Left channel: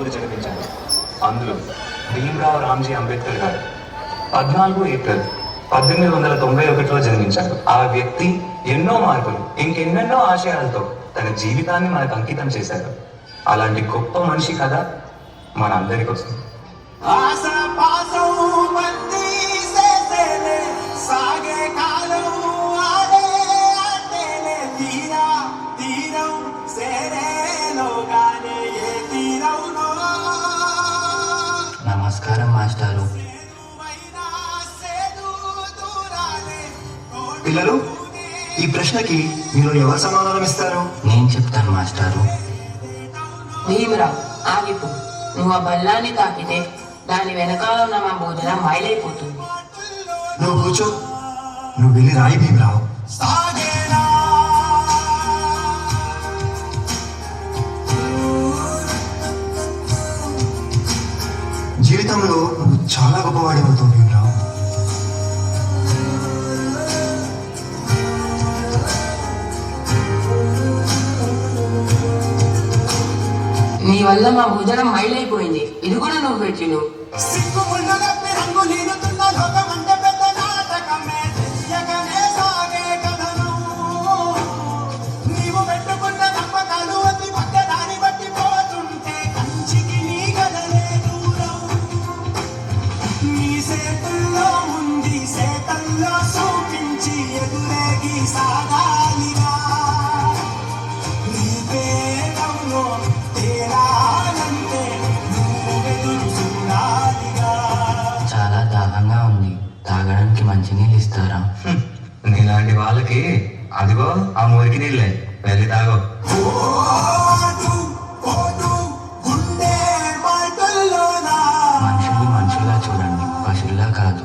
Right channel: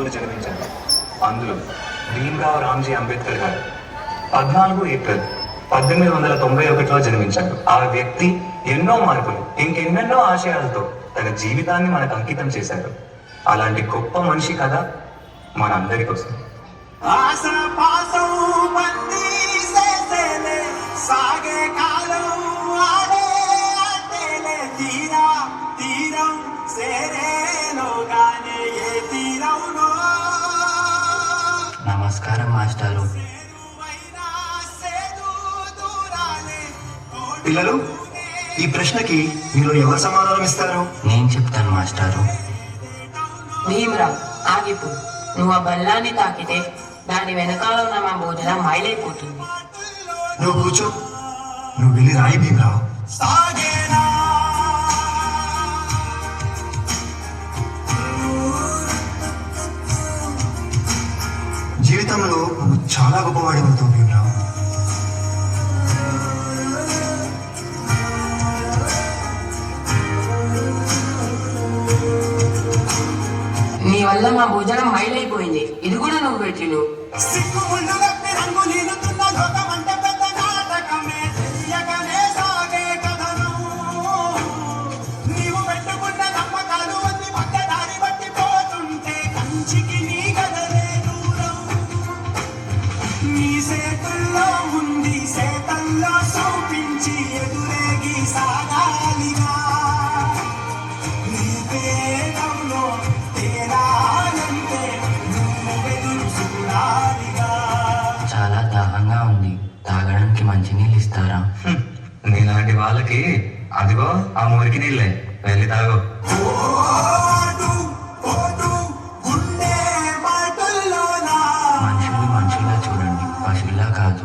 పలువురు జన్మించారు. అందులో భీమ్రావ్ రామ్జీ అంబేద్కర్ గారు 14 ఏప్రిల్ 1891లో జన్మించారు. ఆ వ్యక్తి ఎన్నో మార్పులు, ఇంకెన్నెన్నో ఆశయాలతో తన జీవితాన్ని మనకు అంకితం చేశారు. అలాంటి గొప్ప మనిషి కథ మనందరికి వస్తుంది. నమస్కారం మాస్టారు. పిల్లలు, ఈ ప్రశ్నకి మీరు ఎవరు సమాధానం ఇస్తారు? నేను చెప్తాను మాస్టారు. భీమరావు, ఆగిపో. నువ్వు ఆ బల్లాన్ని తాకితే దాని వెనకాల ఉన్న మా భోజనం మైలైపోతుంది. నువ్వు కూర్చో. నువ్వు వెళ్ళి రాయి భీమరావు. జీవితంలో నువ్వు చాలా గొప్పవాడి అవుతావు భీమరావు. నీ వల్ల మా భోజనం మైలైపోయింది. ఇది కూడా నువ్వు పెట్టిను. చాలా దాహంగా ఉంది. తాగడానికి మంచినీళ్ళు ఇస్తారా? నీలాంటి వాళ్ళకి అదిగో ఆ మురికి నీళ్ళే, వెళ్ళి తాగో. మనుషులు మనుషులా చూడండి, పశువులా కాదు.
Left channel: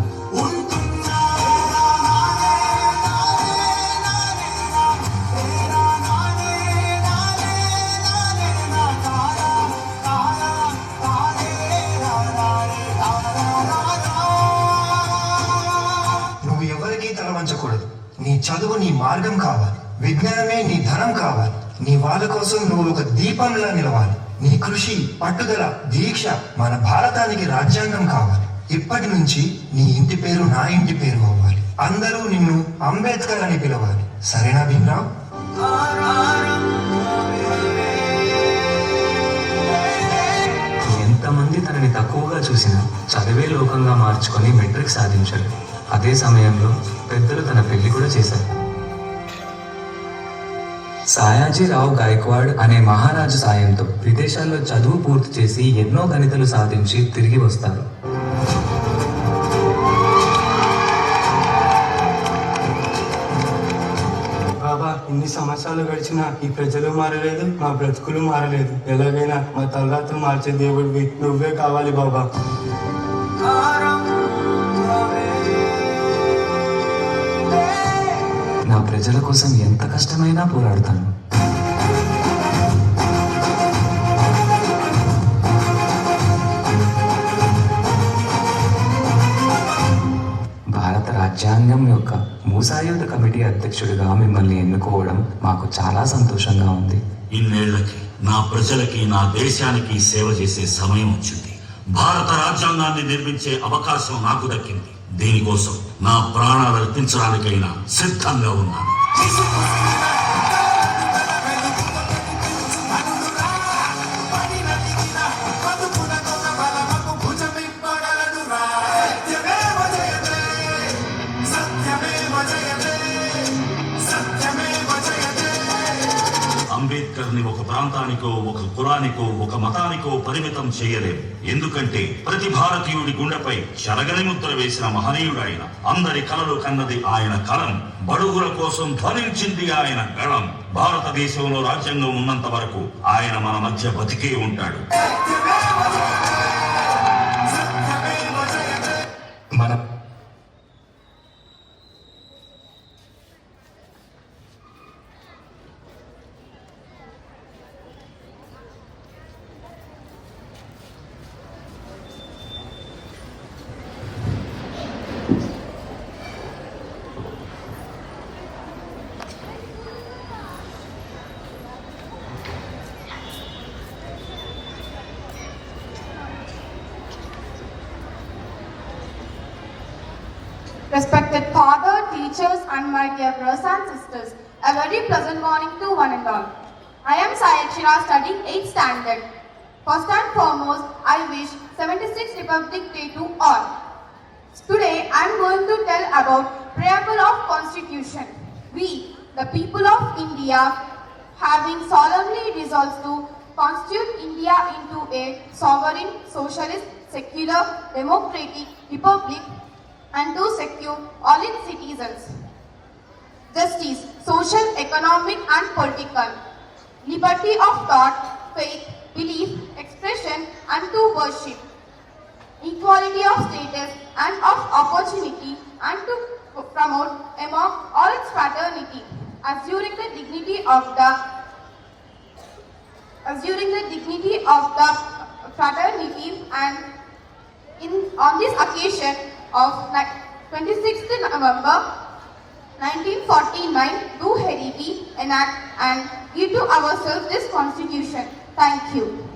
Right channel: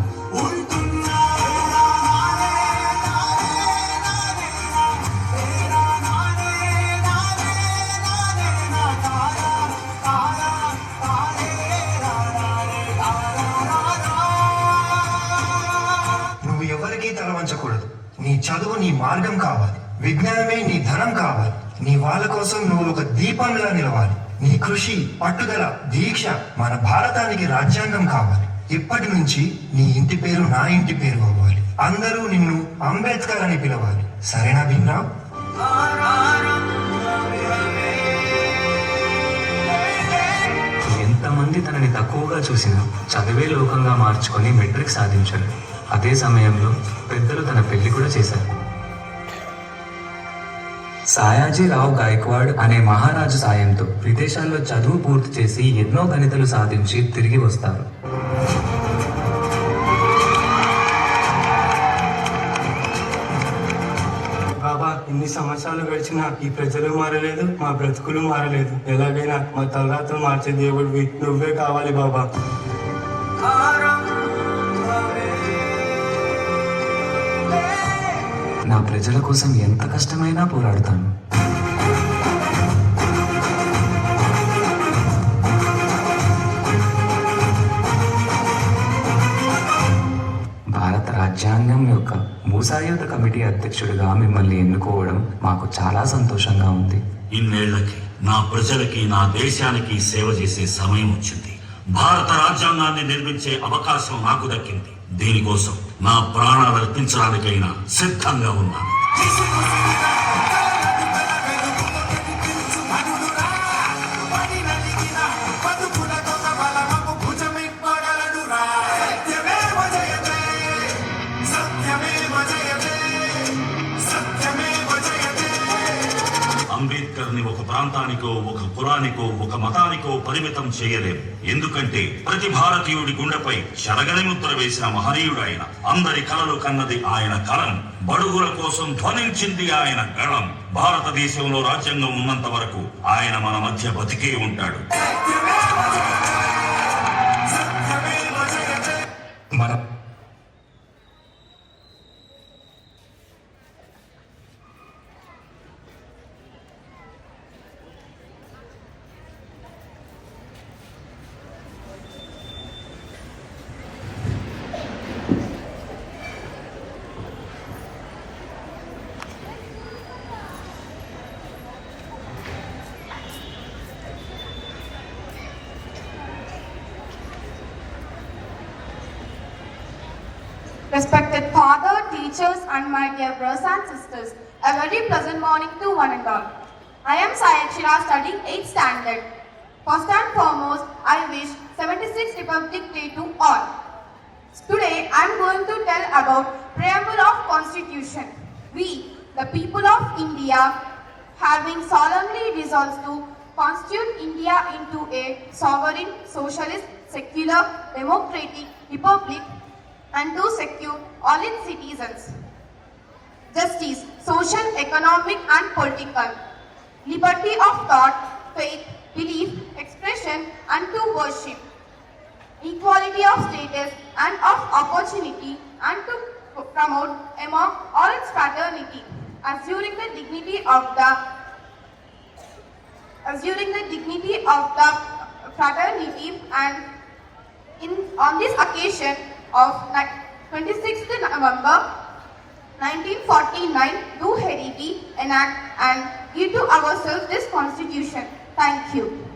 నువ్వు ఎవరికీ తల వంచకూడదు. నీ చదువు నీ మార్గం కావాలి. విజ్ఞానమే నీ ధనం కావాలి. నీ వాళ్ళ కోసం నువ్వు ఒక దీపంలా నిలవాలి. నీ కృషి, పట్టుదల, దీక్ష మన భారతానికి రాజ్యాంగం కావాలి. ఇప్పటి నుంచి నీ ఇంటి పేరు నా ఇంటి పేరు అవ్వాలి. అందరూ నిన్ను అంబేద్కర్ అని పిలవాలి. సరేనా భీమరావు? ఎంతమంది తనని తక్కువగా చూసినా చదివే లోకంగా మార్చుకొని మెట్రిక్ సాధించారు. అదే సమయంలో పెద్దలు తన పెళ్లి కూడా చేశారు. సాయాజీరావు గాయక్వాడ్ అనే మహారాజు సాయంతో విదేశాల్లో చదువు పూర్తి చేసి ఎన్నో గణితలు సాధించి తిరిగి వస్తారు. బాబా, ఇన్ని సంవత్సరాలు గడిచినా ఈ ప్రజలు మారలేదు, మా బ్రతుకులు మారలేదు. ఎలాగైనా మా తలరాత్రులు మార్చే దేవుడివి నువ్వే కావాలి బాబా. నా ప్రజల కోసం ఎంత కష్టమైనా పోరాడతాను. భారత రాజ్యాంగం యొక్క మూసాయుధ కమిటీ అధ్యక్షుడిగా మిమ్మల్ని ఎన్నుకోవడం మాకు చాలా సంతోషంగా ఉంది. ఇన్నేళ్లకి నా ప్రజలకి, నా దేశానికి సేవ చేసే సమయం వచ్చింది. భారత రాజ్యాంగాన్ని నిర్మించే అవకాశం నాకు దక్కింది. దీనికోసం నా ప్రాణాలు అర్పించడానికైనా సిద్ధంగా ఉన్నాను. అంబేద్కర్ ని ఒక ప్రాంతానికో, ఒక కులానికో, ఒక మతానికో పరిమితం చేయలేము. ఎందుకంటే ప్రతి భారతీయుడి గుండెపై చెరగని ముద్ర వేసిన మహనీయుడు ఆయన. అందరి కలలు కన్నది ఆయన కలం. బడుగుల కోసం ధ్వనించింది ఆయన గళం. భారతదేశంలో రాజ్యాంగం ఉన్నంత వరకు ఆయన మన మధ్య బతికే ఉంటాడు. మన Respected father, teachers, and my dear brothers and sisters, a very pleasant morning to one and all. I am Sayakshira, studying 8th standard. First and foremost, I wish 76th Republic Day to all. Today, I am going to tell about Preamble of Constitution. We, the people of India, having solemnly resolved to constitute India into a sovereign, socialist, secular, democratic republic, and to secure all its citizens justice, social, economic, and political, liberty of thought, faith, belief, expression, and to worship, equality of status and of opportunity, and to promote among all its fraternity, assuring the dignity of the fraternity, and on this occasion of 26th November 1949, do heredity, enact and give to ourselves this constitution. Thank you.